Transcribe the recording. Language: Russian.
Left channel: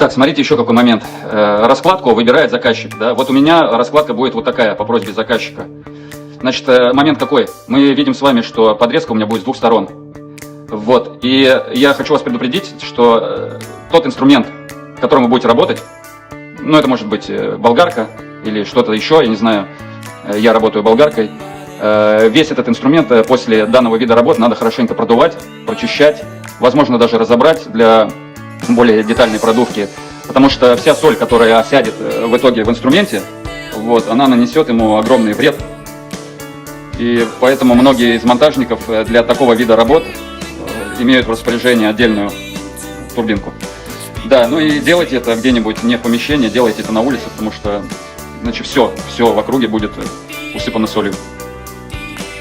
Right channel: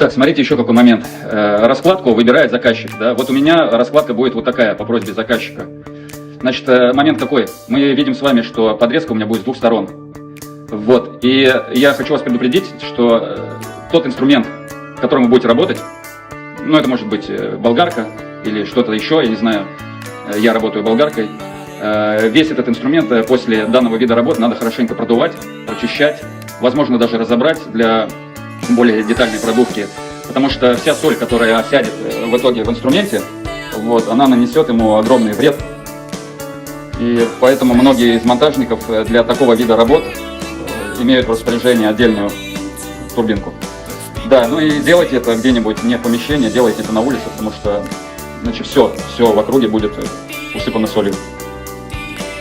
Так, смотрите еще какой момент. Раскладку выбирает заказчик. Да? Вот у меня раскладка будет вот такая, по просьбе заказчика. Значит, момент какой? Мы видим с вами, что подрезка у меня будет с двух сторон. Вот. И я хочу вас предупредить, что тот инструмент, которым вы будете работать, ну, это может быть болгарка или что-то еще, я не знаю, я работаю болгаркой. Весь этот инструмент после данного вида работ надо хорошенько продувать, прочищать, возможно, даже разобрать для более детальной продувки, потому что вся соль, которая осядет в итоге в инструменте, вот, она нанесет ему огромный вред. И поэтому многие из монтажников для такого вида работ имеют в распоряжении отдельную турбинку. Да, ну и делайте это где-нибудь не в помещении, делайте это на улице, потому что иначе все в округе будет усыпано солью.